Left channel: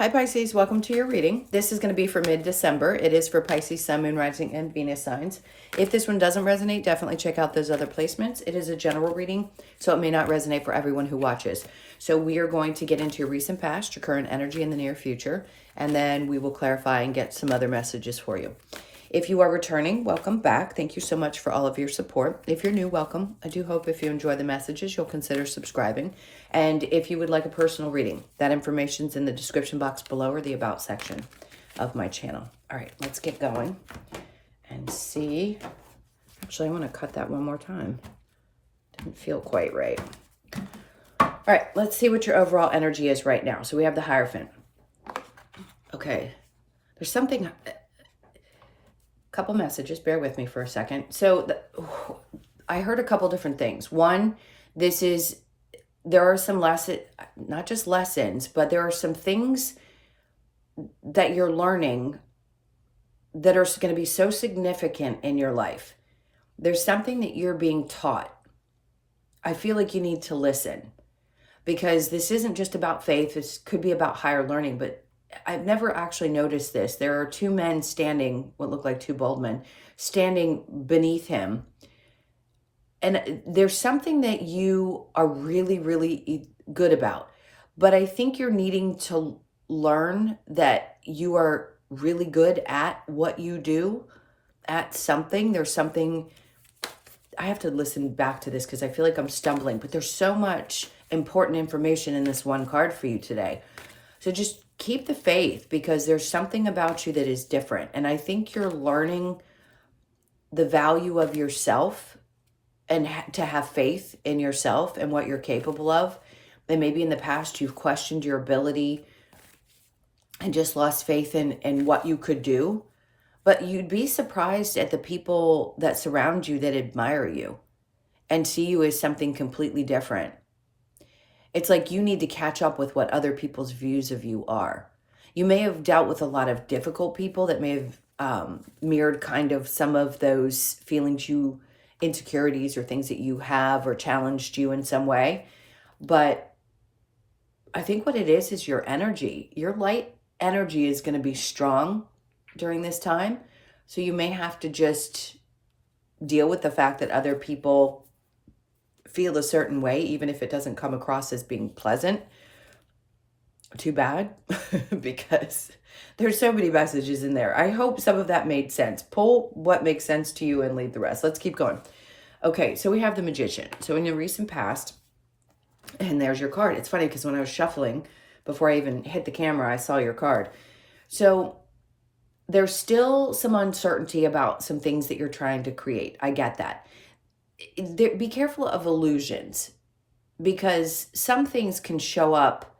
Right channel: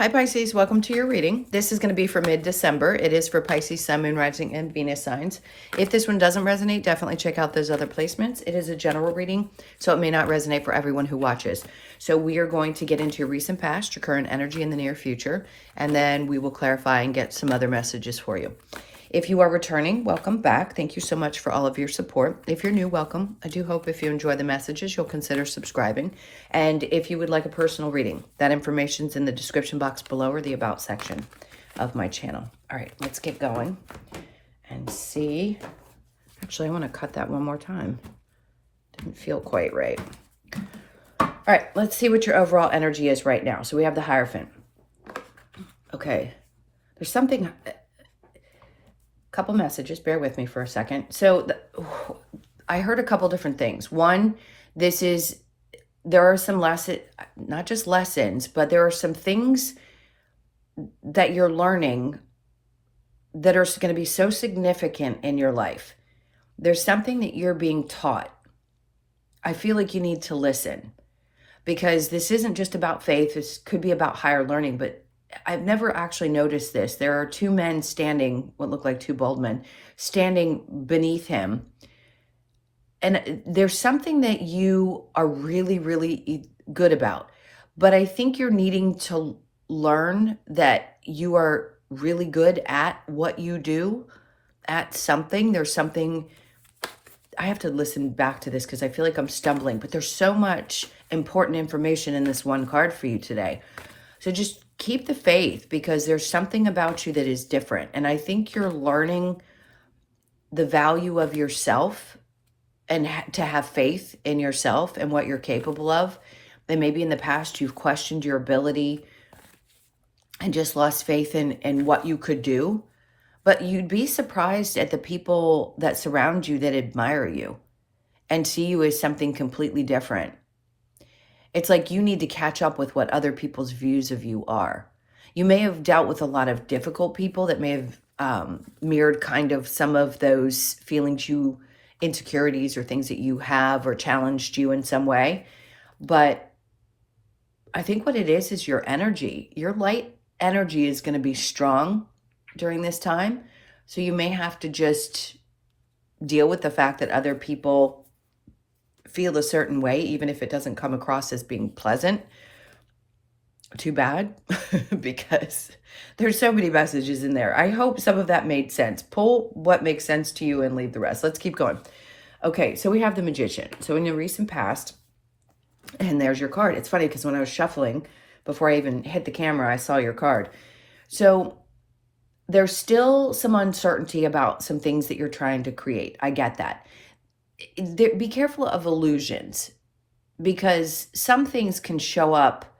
Hi Pisces, welcome to your reading. This is going to be for mid-December. It is for Pisces, Sun, Moon, Rising, and Venus signs. If this one doesn't resonate, definitely check out those other placements. It is a general reading, so it may not resonate for everyone who watches. So we are going to get into your recent past, your current energy in the near future, and then we will clarify and get some other messages for you. If you are returning, welcome back. Thank you so much for all of your support. If you're new, welcome. I do hope if you enjoy the messages, you'll consider subscribing. And if you would like a personal reading, that information's in the description box below or the About section of my channel. All right, let's get going and see. Actually, I want to cut that one more time. Didn't feel quite right. All right, let's see what your overall energy is right now. So we have the Hierophant. Okay, there's something... Couple messages, bear with me for a second. So I heard a couple different things. One, there are some not just lessons, but there are some things that you're learning that are going to be so significant in your life. There's something that you're being taught. I feel like you need to listen, because this isn't just about faith. This could be about higher learning, but I've never actually noticed this. There are two men standing, what look like two bald men, standing beneath him. And there's something that you are really, really good about. But I think you're needing to learn that you are really good at what you do, at something. There's something, I have to listen back to this because I feel like I'm stumbling, but there's so much important information in this one card for you today. So just keep the faith, because there's something about you that is different. And I think you're learning the value of yourself and to have faith in yourself and what you're capable of. And maybe in the past you've questioned your ability and just lost faith in what you could do. But you'd be surprised at the people that surround you that admire you and see you as something completely different. It's like you need to catch up with what other people's views of you are. You may have dealt with a lot of difficult people that may have mirrored kind of some of those feelings insecurities or things that you have, or challenged you in some way. But I think what it is your energy. Your light energy is going to be strong during this time. So you may have to just deal with the fact that other people feel a certain way, even if it doesn't come across as being pleasant. Too bad, because there's so many messages in there. I hope some of that made sense. Pull what makes sense to you and leave the rest. Let's keep going. Okay, so we have the Magician. So in the recent past, and there's your card. It's funny because when I was shuffling, before I even hit the camera, I saw your card. So there's still some uncertainty about some things that you're trying to create. I get that. Be careful of illusions, because some things can show up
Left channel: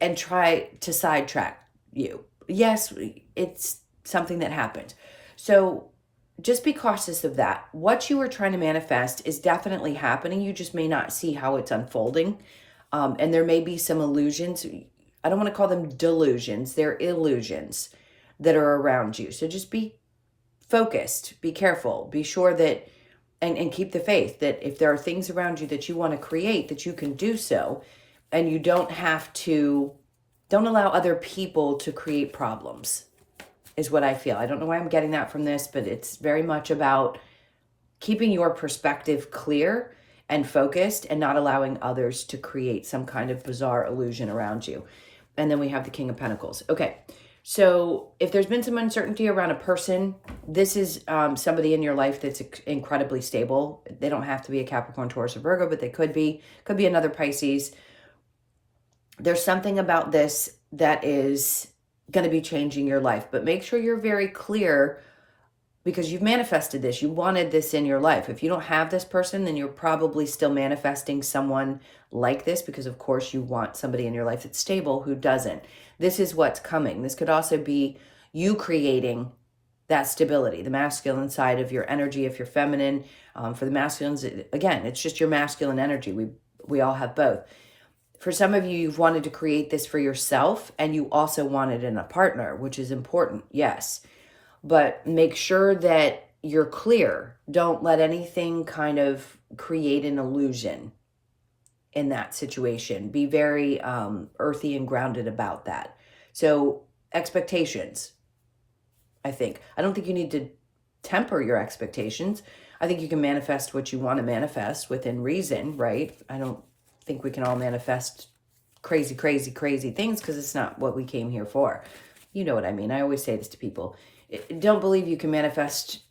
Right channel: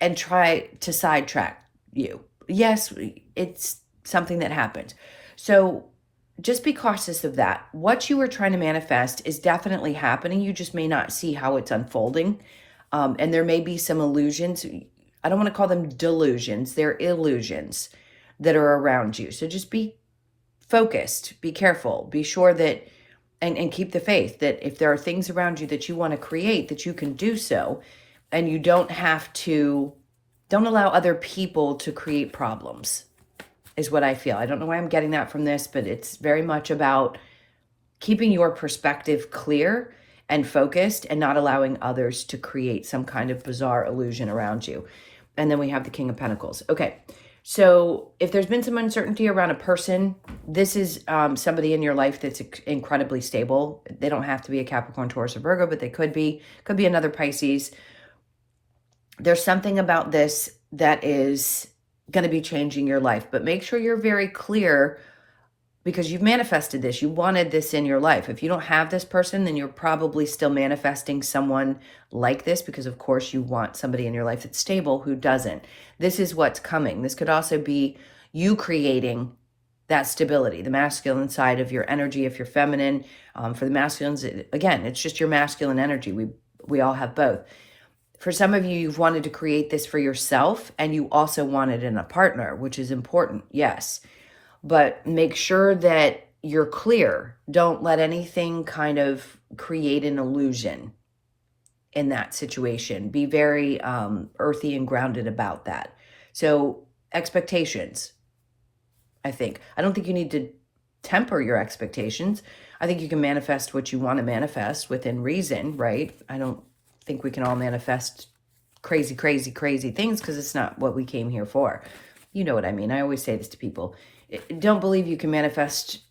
and try to sidetrack you. Yes, it's something that happened. So just be cautious of that. What you are trying to manifest is definitely happening. You just may not see how it's unfolding. And there may be some illusions. I don't want to call them delusions. They're illusions that are around you. So just be focused, be careful, be sure that and keep the faith that if there are things around you that you want to create, that you can do so, and you don't allow other people to create problems, is what I feel. I don't know why I'm getting that from this, but it's very much about keeping your perspective clear and focused and not allowing others to create some kind of bizarre illusion around you. And then we have the King of Pentacles. Okay. So if there's been some uncertainty around a person, this is somebody in your life that's incredibly stable. They don't have to be a Capricorn, Taurus, or Virgo, but they could be another Pisces. There's something about this that is going to be changing your life, but make sure you're very clear, because you've manifested this. You wanted this in your life. If you don't have this person, then you're probably still manifesting someone like this, because of course you want somebody in your life that's stable who doesn't. This is what's coming. This could also be you creating that stability, the masculine side of your energy if you're feminine. For the masculines, again, it's just your masculine energy. We all have both. For some of you, you've wanted to create this for yourself, and you also want it in a partner, which is important, yes. But make sure that you're clear. Don't let anything kind of create an illusion in that situation. Be very earthy and grounded about that. So expectations, I think. I don't think you need to temper your expectations. I think you can manifest what you want to manifest within reason, right? I don't think we can all manifest crazy, crazy, crazy things because it's not what we came here for. You know what I mean? I always say this to people. Don't believe you can manifest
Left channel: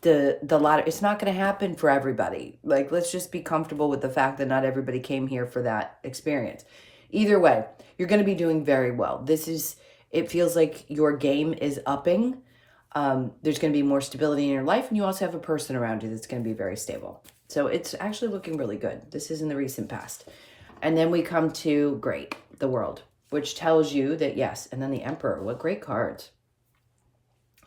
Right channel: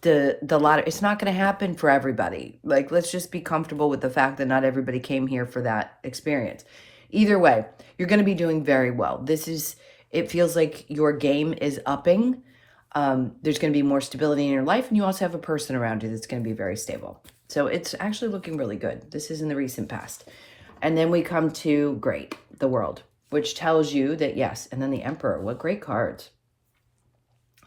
the lot. It's not going to happen for everybody. Like, let's just be comfortable with the fact that not everybody came here for that experience. Either way, you're going to be doing very well. It feels like your game is upping. There's going to be more stability in your life, and you also have a person around you that's going to be very stable. So it's actually looking really good. This is in the recent past. And then we come to great, the world, which tells you that yes, and then the Emperor, what great cards.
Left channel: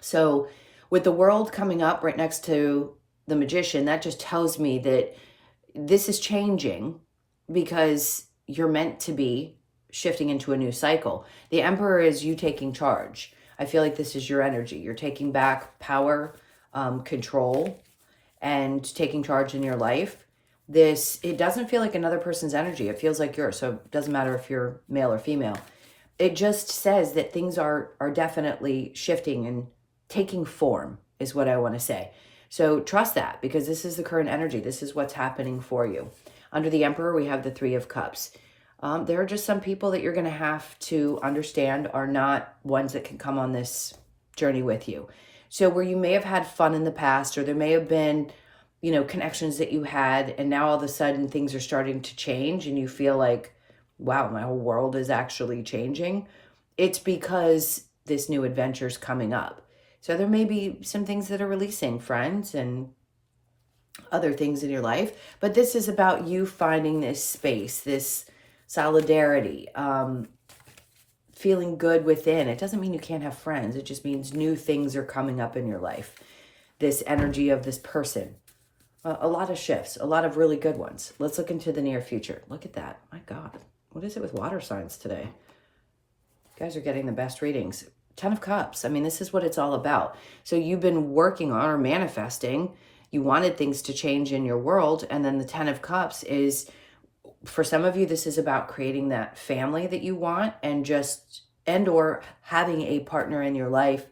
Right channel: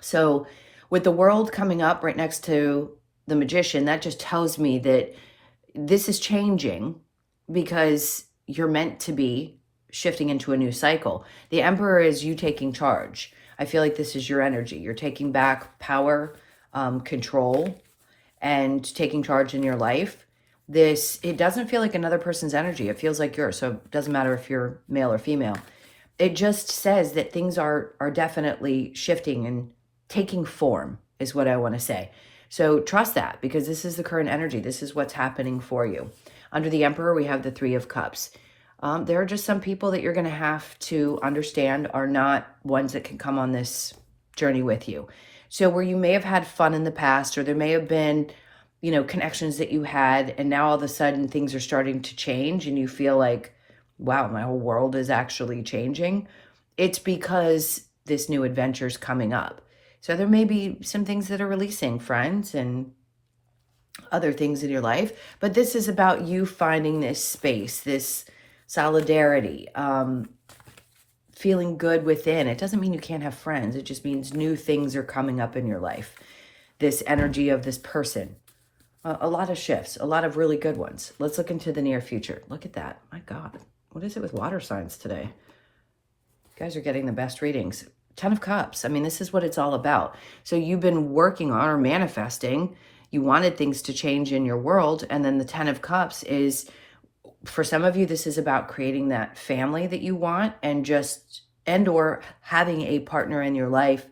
So with the world coming up right next to the Magician, that just tells me that this is changing because you're meant to be shifting into a new cycle. The Emperor is you taking charge. I feel like this is your energy. You're taking back power, control, and taking charge in your life. It doesn't feel like another person's energy. It feels like yours. So it doesn't matter if you're male or female. It just says that things are definitely shifting and taking form is what I want to say. So trust that because this is the current energy. This is what's happening for you. Under the Emperor, we have the Three of Cups. There are just some people that you're going to have to understand are not ones that can come on this journey with you. So where you may have had fun in the past, or there may have been, connections that you had, and now all of a sudden things are starting to change and you feel like, wow, my whole world is actually changing. It's because this new adventure is coming up. So there may be some things that are releasing, friends and other things in your life, but this is about you finding this space, this solidarity, feeling good within. It doesn't mean you can't have friends. It just means new things are coming up in your life. This energy of this person. A lot of shifts, a lot of really good ones. Let's look into the near future. Look at that. My God. What is it with water signs today? You guys are getting the best readings. 10 of Cups. I mean, this is what it's all about. So you've been working on or manifesting. You wanted things to change in your world. And then the 10 of Cups is, for some of you, this is about creating that family that you want or having a partner in your life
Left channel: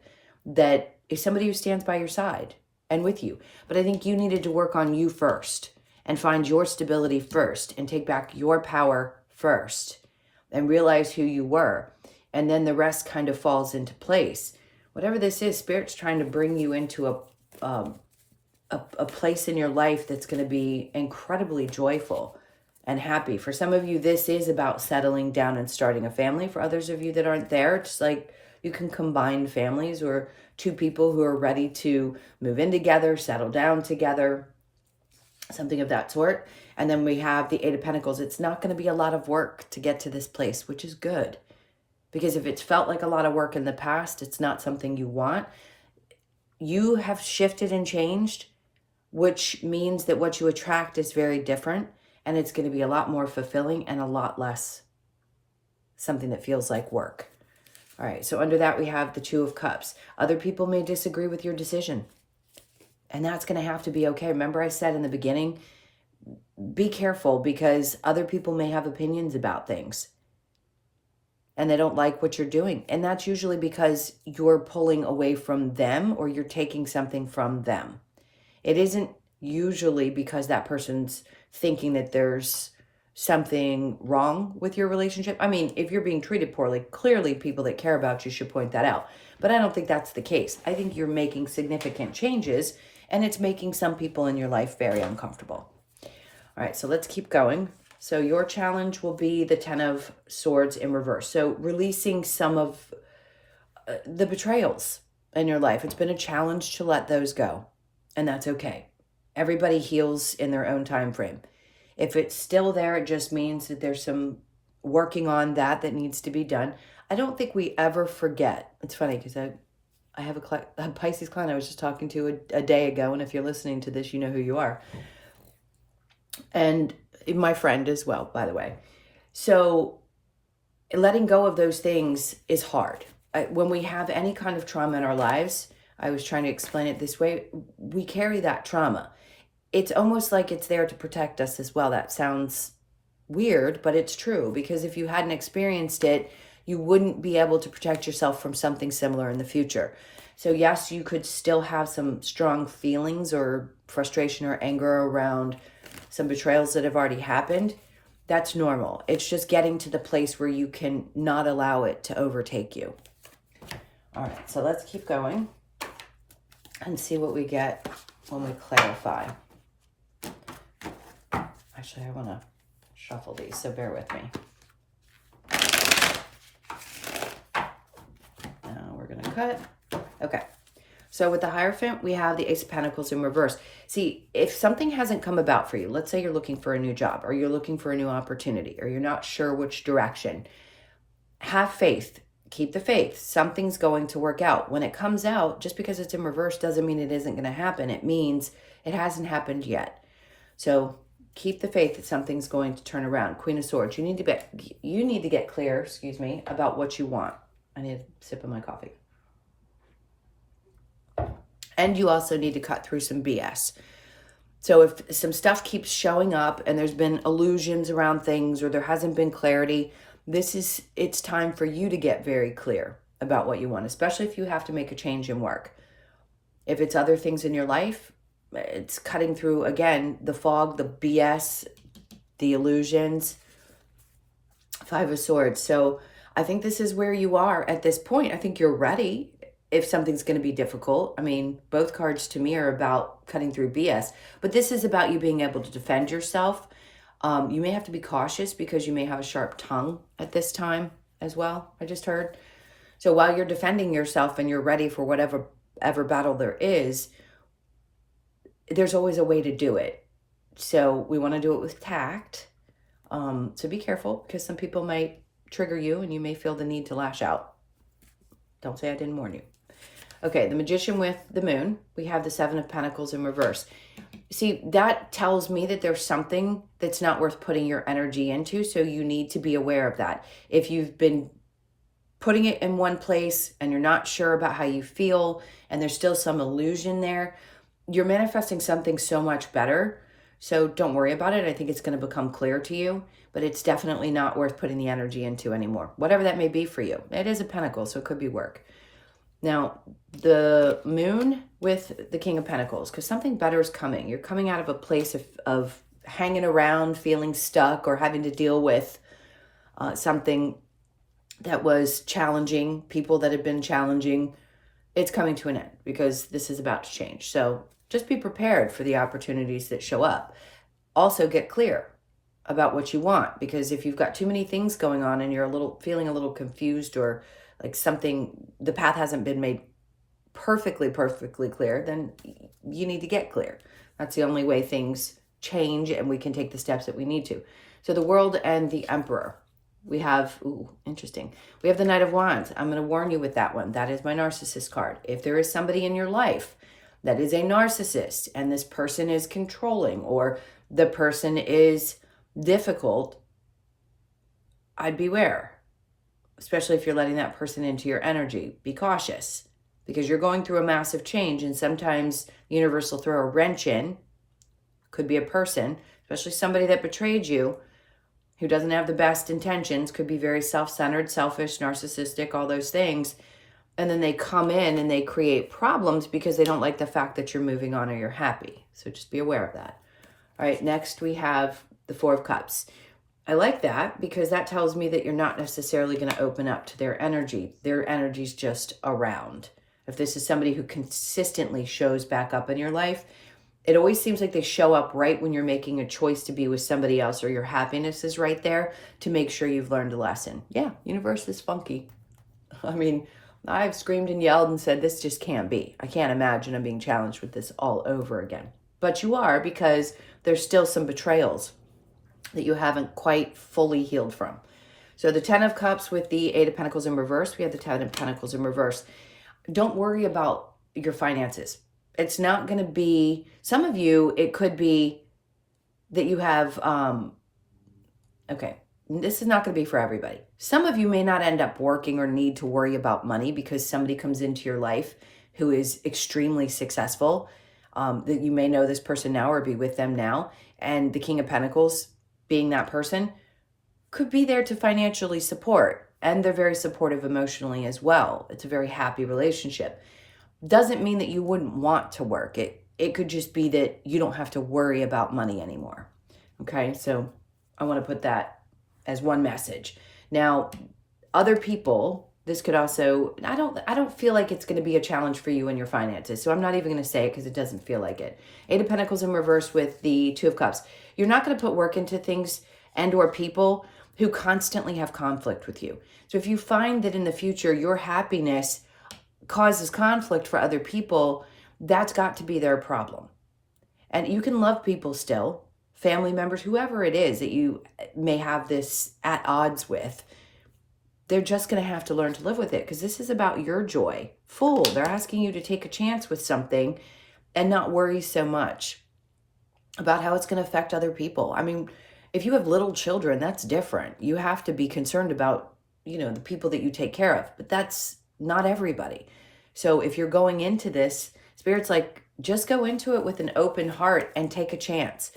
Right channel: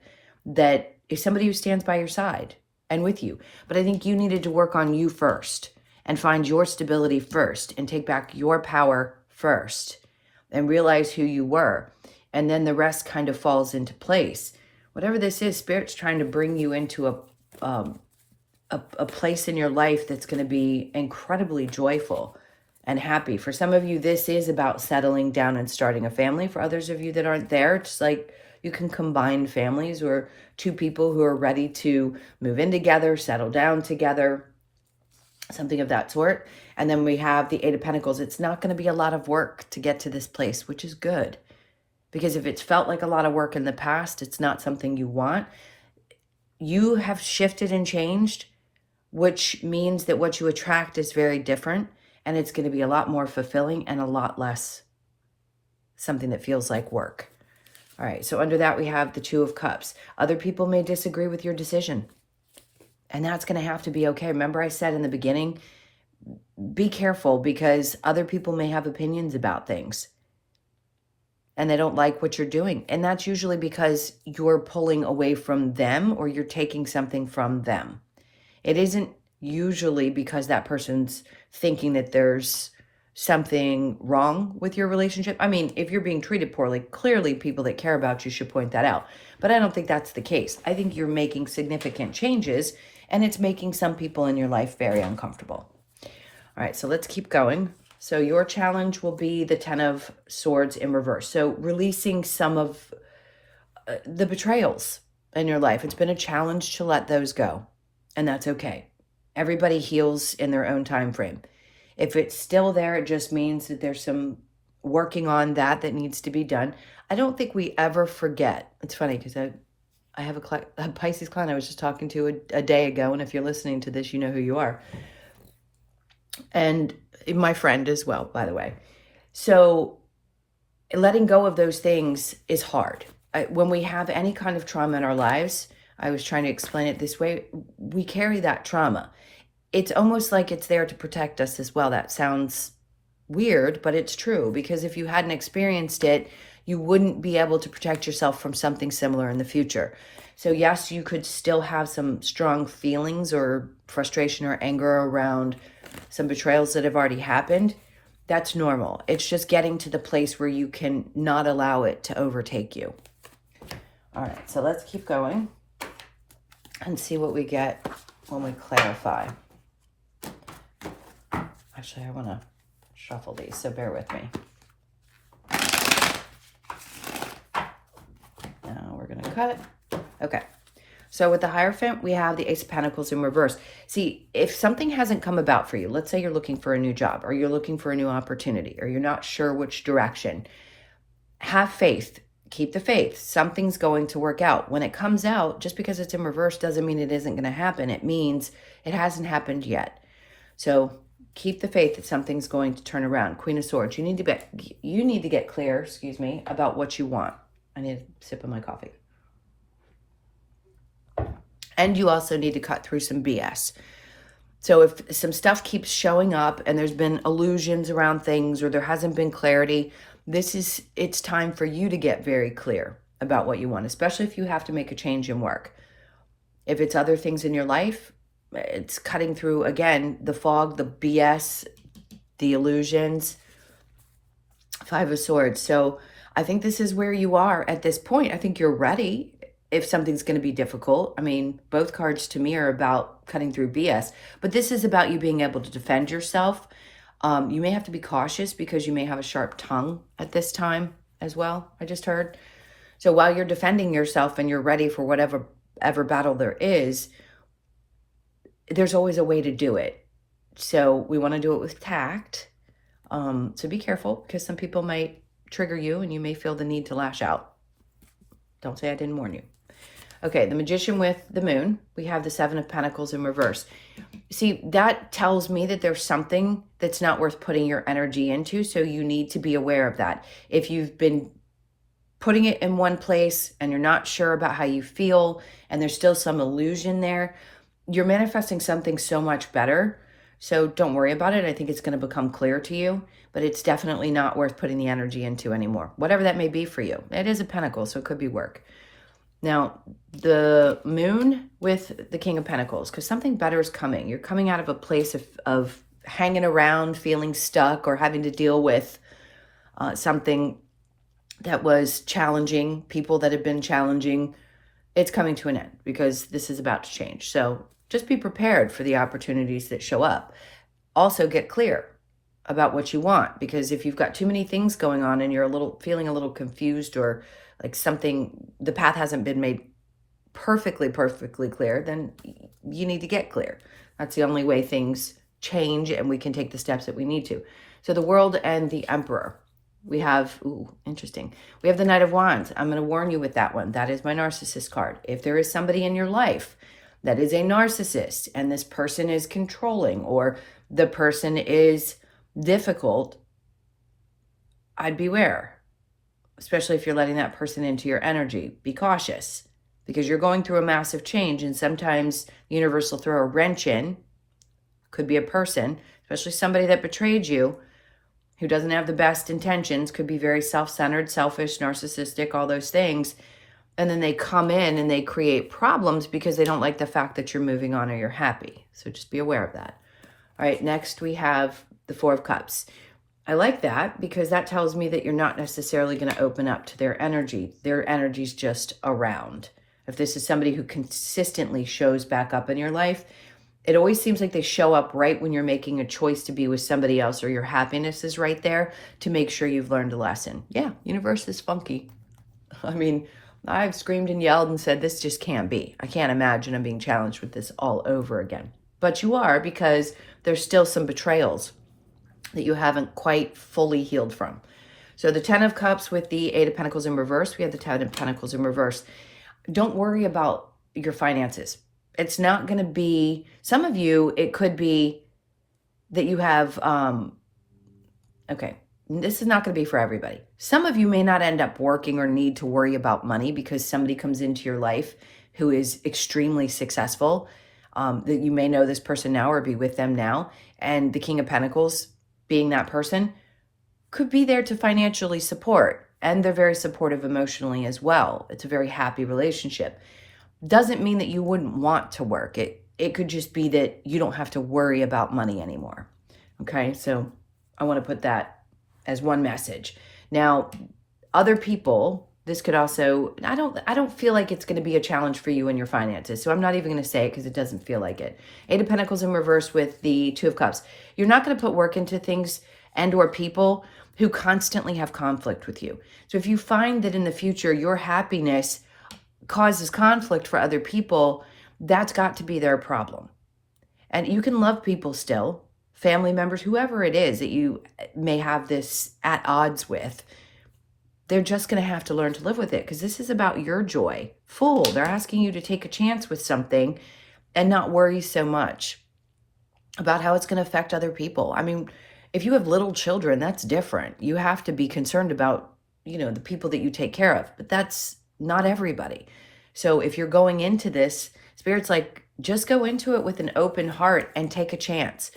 that is somebody who stands by your side and with you. But I think you needed to work on you first and find your stability first and take back your power first and realize who you were. And then the rest kind of falls into place. Whatever this is, Spirit's trying to bring you into a place in your life that's going to be incredibly joyful and happy. For some of you, this is about settling down and starting a family. For others of you that aren't there, it's like you can combine families or two people who are ready to move in together, settle down together, something of that sort. And then we have the Eight of Pentacles. It's not going to be a lot of work to get to this place, which is good. Because if it's felt like a lot of work in the past, it's not something you want. You have shifted and changed, which means that what you attract is very different. And it's going to be a lot more fulfilling and a lot less something that feels like work. All right, so under that we have the Two of Cups. Other people may disagree with your decision. And that's going to have to be okay. Remember I said in the beginning, be careful because other people may have opinions about things. And they don't like what you're doing. And that's usually because you're pulling away from them or you're taking something from them. It isn't usually because that person's thinking that there's something wrong with your relationship. I mean, if you're being treated poorly, clearly people that care about you should point that out. But I don't think that's the case. I think you're making significant changes and it's making some people in your life very uncomfortable. All right, so let's keep going. So your challenge will be the 10 of Swords in reverse. So releasing some of the betrayals in your life. It's been a challenge to let those go, and that's okay. Everybody heals in their own time frame. If it's still there, it just means that there's some working on that needs to be done. I don't think we ever forget. It's funny because I have a Pisces client I was just talking to a day ago, and if you're listening to this, you know who you are. And my friend as well, by the way. So letting go of those things is hard. When we have any kind of trauma in our lives, I was trying to explain it this way, we carry that trauma. It's almost like it's there to protect us as well. That sounds weird, but it's true, because if you hadn't experienced it, you wouldn't be able to protect yourself from something similar in the future. So yes, you could still have some strong feelings or frustration or anger around some betrayals that have already happened. That's normal. It's just getting to the place where you can not allow it to overtake you. All right, so let's keep going and see what we get when we clarify. Actually, I want to shuffle these, so bear with me. Now we're going to cut. Okay. So with the Hierophant, we have the Ace of Pentacles in reverse. See, if something hasn't come about for you, let's say you're looking for a new job, or you're looking for a new opportunity, or you're not sure which direction, have faith. Keep the faith. Something's going to work out. When it comes out, just because it's in reverse doesn't mean it isn't going to happen. It means it hasn't happened yet. So keep the faith that something's going to turn around. Queen of Swords. You need to get clear, about what you want. I need a sip of my coffee. And you also need to cut through some BS. So if some stuff keeps showing up and there's been illusions around things, or there hasn't been clarity, it's time for you to get very clear about what you want, especially if you have to make a change in work. If it's other things in your life, it's cutting through, again, the fog, the BS, the illusions. Five of Swords. So I think this is where you are at this point. I think you're ready if something's going to be difficult. I mean, both cards to me are about cutting through BS, but this is about you being able to defend yourself. You may have to be cautious because you may have a sharp tongue at this time as well, I just heard. So while you're defending yourself and you're ready for whatever battle there is, there's always a way to do it. So we want to do it with tact. So be careful, because some people might trigger you and you may feel the need to lash out. Don't say I didn't warn you. Okay, the Magician with the Moon. We have the Seven of Pentacles in reverse. See, that tells me that there's something that's not worth putting your energy into, so you need to be aware of that. If you've been putting it in one place and you're not sure about how you feel and there's still some illusion there, you're manifesting something so much better. So don't worry about it. I think it's going to become clear to you, but it's definitely not worth putting the energy into anymore, whatever that may be for you. It is a pentacle, so it could be work. Now, the Moon with the King of Pentacles, because something better is coming. You're coming out of a place of hanging around, feeling stuck, or having to deal with something that was challenging, people that have been challenging. It's coming to an end because this is about to change. So just be prepared for the opportunities that show up. Also get clear about what you want, because if you've got too many things going on and you're feeling a little confused, or like the path hasn't been made perfectly clear, then you need to get clear. That's the only way things change and we can take the steps that we need to. So the World and the Emperor. We have, interesting. We have the Knight of Wands. I'm going to warn you with that one. That is my narcissist card. If there is somebody in your life that is a narcissist and this person is controlling, or the person is difficult, I'd beware. Especially if you're letting that person into your energy. Be cautious, because you're going through a massive change, and sometimes the universe will throw a wrench in. Could be a person, especially somebody that betrayed you, who doesn't have the best intentions, could be very self-centered, selfish, narcissistic, all those things. And then they come in and they create problems because they don't like the fact that you're moving on or you're happy. So just be aware of that. All right, next we have the Four of Cups. I like that because that tells me that you're not necessarily going to open up to their energy. Their energy's just around. If this is somebody who consistently shows back up in your life, it always seems like they show up right when you're making a choice to be with somebody else, or your happiness is right there to make sure you've learned a lesson. Yeah, universe is funky. I mean, I've screamed and yelled and said, this just can't be. I can't imagine I'm being challenged with this all over again. But you are, because there's still some betrayals that you haven't quite fully healed from. So the Ten of Cups with the Eight of Pentacles in reverse. We have the Ten of Pentacles in reverse. Don't worry about your finances. It's not going to be, some of you, it could be that you have, this is not going to be for everybody. Some of you may not end up working or need to worry about money because somebody comes into your life who is extremely successful, that you may know this person now or be with them now. And the King of Pentacles, being that person, could be there to financially support. and they're very supportive emotionally as well. It's a very happy relationship. Doesn't mean that you wouldn't want to work. It could just be that you don't have to worry about money anymore. Okay, so I want to put that as one message. Now, other people, this could also, I don't feel like it's going to be a challenge for you in your finances. So I'm not even going to say it because it doesn't feel like it. Eight of Pentacles in reverse with the Two of Cups. You're not going to put work into things and or people who constantly have conflict with you. So if you find that in the future your happiness causes conflict for other people, that's got to be their problem. And you can love people still, family members, whoever it is that you may have this at odds with. They're just going to have to learn to live with it because this is about your joy. Fool, they're asking you to take a chance with something and not worry so much about how it's going to affect other people. I mean, if you have little children, that's different. You have to be concerned about, the people that you take care of, but that's not everybody. So if you're going into this, Spirit's like, just go into it with an open heart and take a chance.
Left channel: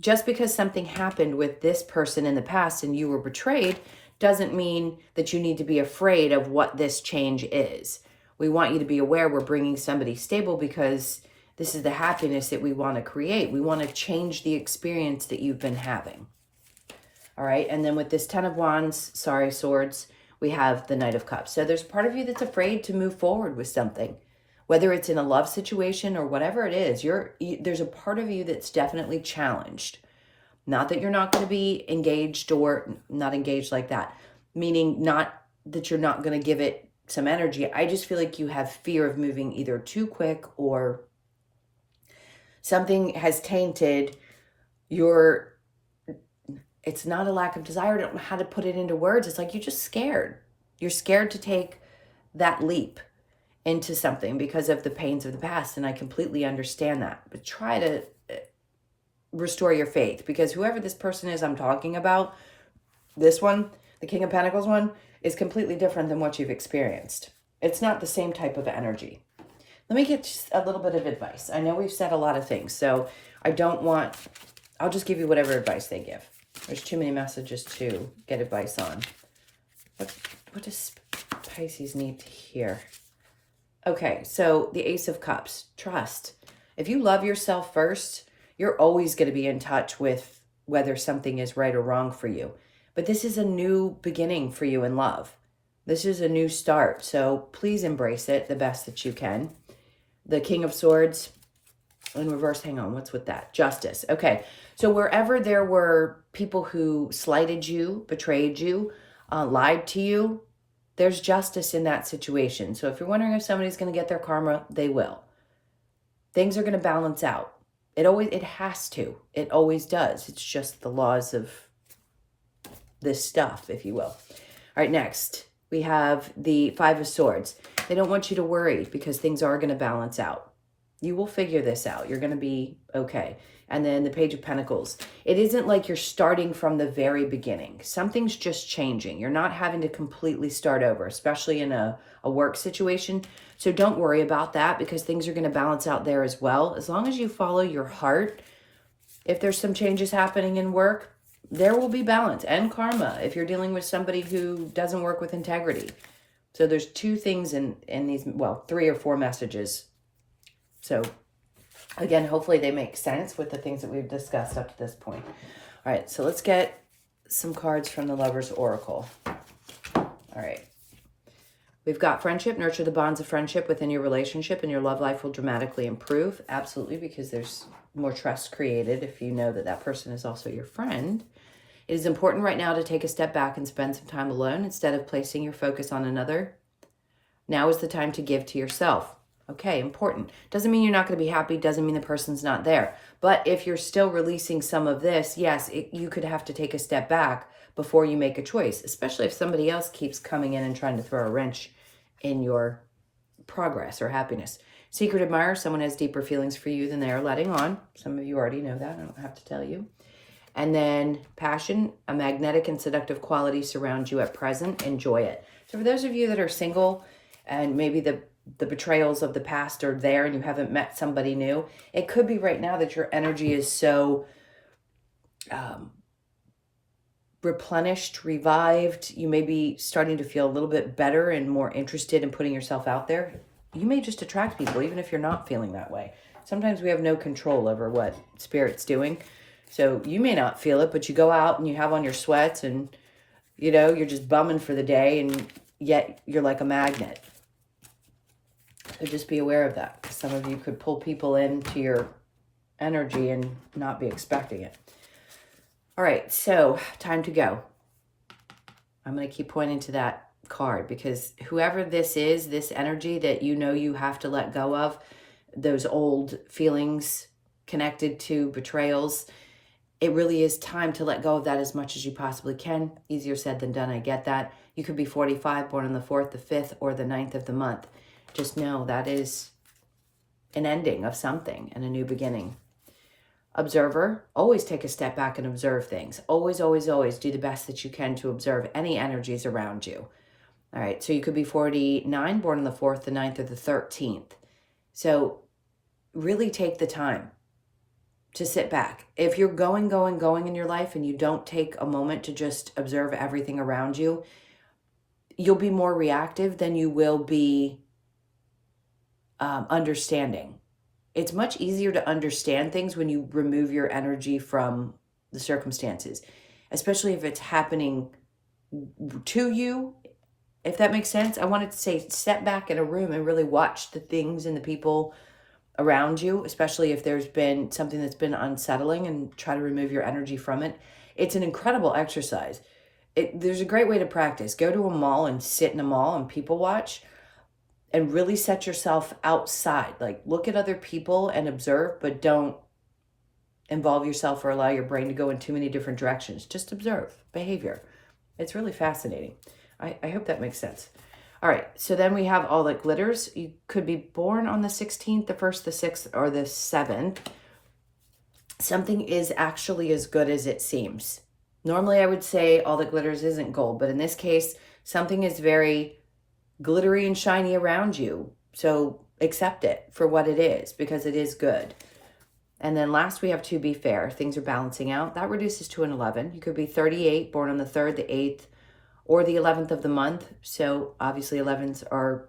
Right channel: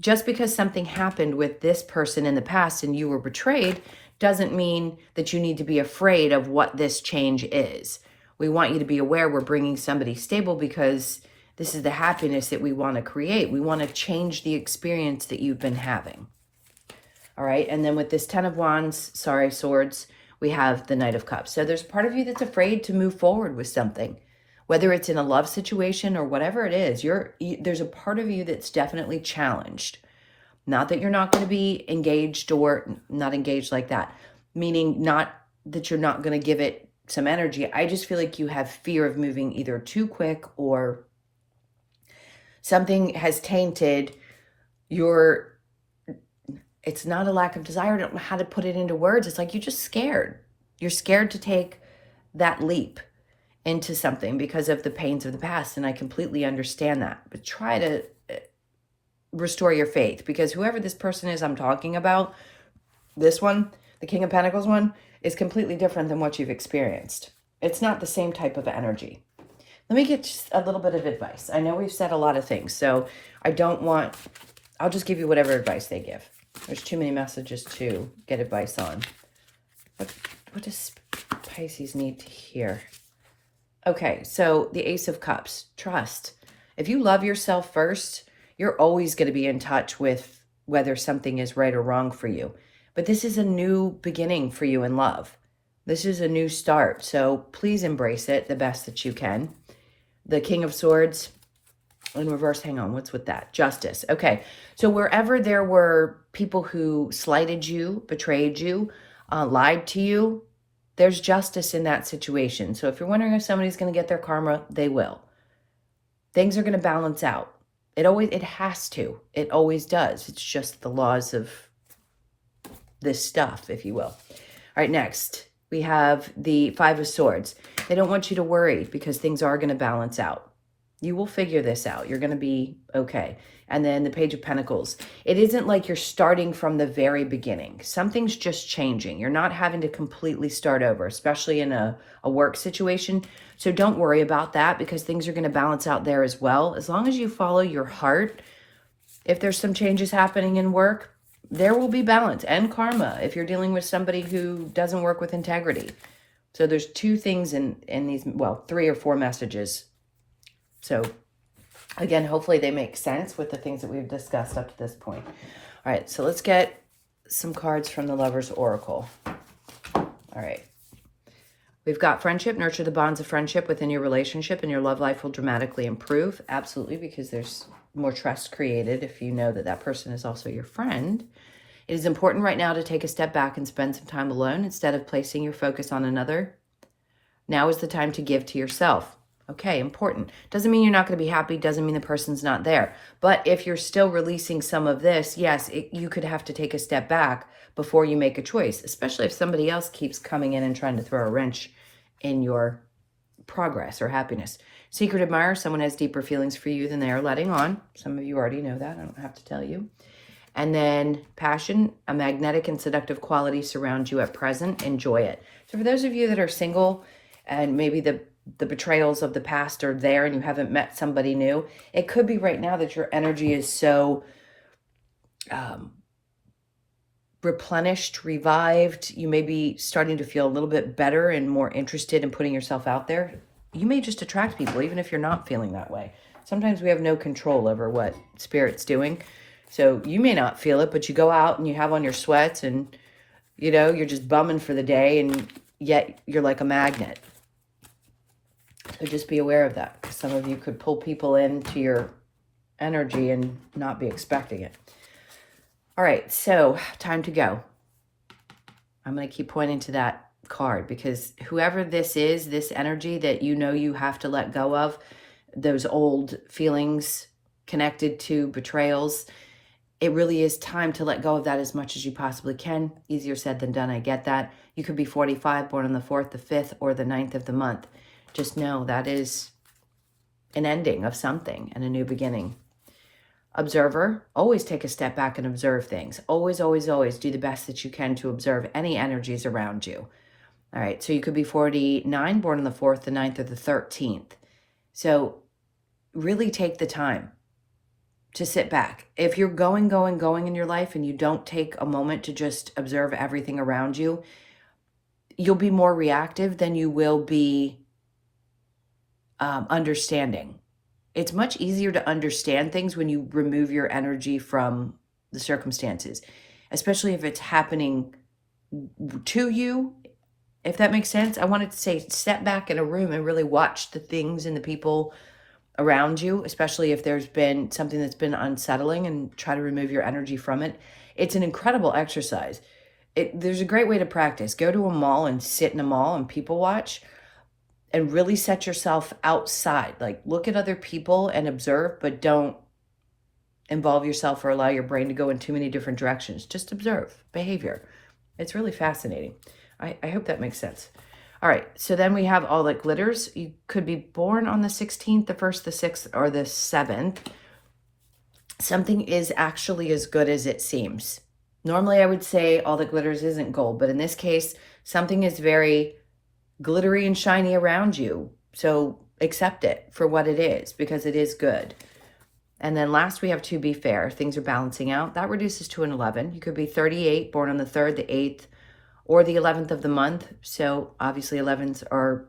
Just because something happened with this person in the past and you were betrayed doesn't mean that you need to be afraid of what this change is. We want you to be aware we're bringing somebody stable because this is the happiness that we want to create. We want to change the experience that you've been having. All right, and then with this 10 of Wands, Swords, we have the Knight of Cups. So there's part of you that's afraid to move forward with something, whether it's in a love situation or whatever it is. There's a part of you that's definitely challenged. Not that you're not going to be engaged or not engaged like that, meaning not that you're not going to give it some energy. I just feel like you have fear of moving either too quick or something has tainted your, it's not a lack of desire. I don't know how to put it into words. It's like you're just scared. You're scared to take that leap into something because of the pains of the past. And I completely understand that. But try to restore your faith, because whoever this person is I'm talking about, this one, the King of Pentacles one, is completely different than what you've experienced. It's not the same type of energy. Let me get just a little bit of advice. I know we've said a lot of things, so I'll just give you whatever advice they give. There's too many messages to get advice on. What does Pisces need to hear? Okay, so the Ace of Cups, trust. If you love yourself first, you're always going to be in touch with whether something is right or wrong for you. But this is a new beginning for you in love. This is a new start. So please embrace it the best that you can. The King of Swords in reverse. Hang on. What's with that? Justice. Okay. So wherever there were people who slighted you, betrayed you, lied to you, there's justice in that situation. So if you're wondering if somebody's going to get their karma, they will. Things are going to balance out. It has to. It always does. It's just the laws of this stuff, if you will. All right, next, we have the Five of Swords. They don't want you to worry because things are going to balance out. You will figure this out. You're going to be okay. And then the Page of Pentacles. It isn't like you're starting from the very beginning. Something's just changing. You're not having to completely start over, especially in a work situation. So don't worry about that because things are going to balance out there as well. As long as you follow your heart, if there's some changes happening in work, there will be balance and karma if you're dealing with somebody who doesn't work with integrity. So there's two things in these, well, 3 or 4 messages. So again, hopefully they make sense with the things that we've discussed up to this point. All right, so let's get some cards from the Lover's Oracle. All right. We've got friendship. Nurture the bonds of friendship within your relationship and your love life will dramatically improve. Absolutely, because there's more trust created if you know that that person is also your friend. It is important right now to take a step back and spend some time alone instead of placing your focus on another. Now is the time to give to yourself. Okay, important. Doesn't mean you're not going to be happy. Doesn't mean the person's not there. But if you're still releasing some of this, yes, you could have to take a step back before you make a choice, especially if somebody else keeps coming in and trying to throw a wrench in your progress or happiness. Secret admirer, someone has deeper feelings for you than they are letting on. Some of you already know that. I don't have to tell you. And then passion, a magnetic and seductive quality surrounds you at present. Enjoy it. So for those of you that are single and maybe the betrayals of the past are there and you haven't met somebody new, it could be right now that your energy is so replenished, revived. You may be starting to feel a little bit better and more interested in putting yourself out there. You may just attract people, even if you're not feeling that way. Sometimes we have no control over what Spirit's doing. So you may not feel it, but you go out and you have on your sweats and, you know, you're just bumming for the day, and yet you're like a magnet. So just be aware of that, because some of you could pull people into your energy and not be expecting it. All right, so time to go. I'm going to keep pointing to that card, because whoever this is, this energy that you know you have to let go of, those old feelings connected to betrayals, it really is time to let go of that as much as you possibly can. Easier said than done, I get that. You could be 45, born on the 4th, the 5th, or the 9th of the month. Just know that is an ending of something and a new beginning. Observer, always take a step back and observe things. Always, always, always do the best that you can to observe any energies around you. All right, so you could be 49, born on the 4th, the 9th, or the 13th. So really take the time to sit back. If you're going in your life and you don't take a moment to just observe everything around you, you'll be more reactive than you will be understanding. It's much easier to understand things when you remove your energy from the circumstances, especially if it's happening to you, if that makes sense. I wanted to say step back in a room and really watch the things and the people around you, especially if there's been something that's been unsettling, and try to remove your energy from it. It's an incredible exercise. There's a great way to practice. Go to a mall and sit in a mall and people watch, and really set yourself outside. Like, look at other people and observe, but don't involve yourself or allow your brain to go in too many different directions. Just observe behavior. It's really fascinating. I hope that makes sense. All right, so then we have all that glitters. You could be born on the 16th, the 1st, the 6th, or the 7th. Something is actually as good as it seems. Normally I would say all that glitters isn't gold, but in this case, something is very glittery and shiny around you. So accept it for what it is, because it is good. And then last we have to be fair. Things are balancing out. That reduces to an 11. You could be 38, born on the 3rd, the 8th, or the 11th of the month. So obviously 11s are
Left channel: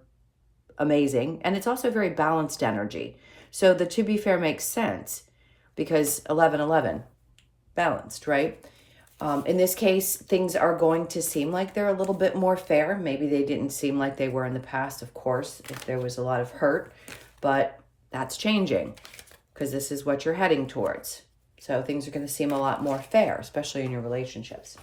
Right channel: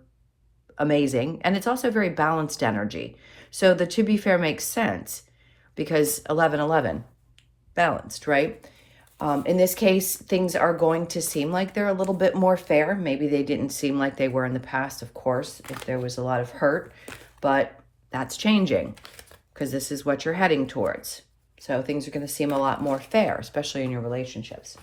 amazing. And it's also very balanced energy. So the to be fair makes sense, because 11, balanced, right? In this case, things are going to seem like they're a little bit more fair. Maybe they didn't seem like they were in the past, of course, if there was a lot of hurt, but that's changing, because this is what you're heading towards. So things are going to seem a lot more fair, especially in your relationships.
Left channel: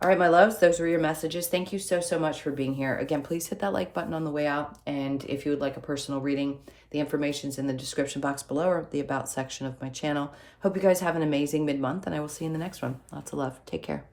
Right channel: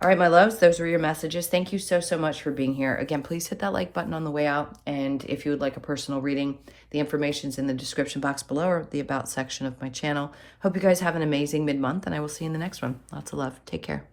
All right, my loves, those were your messages. Thank you so, so much for being here. Again, please hit that like button on the way out. And if you would like a personal reading, the information's in the description box below, or the about section of my channel. Hope you guys have an amazing mid-month, and I will see you in the next one. Lots of love. Take care.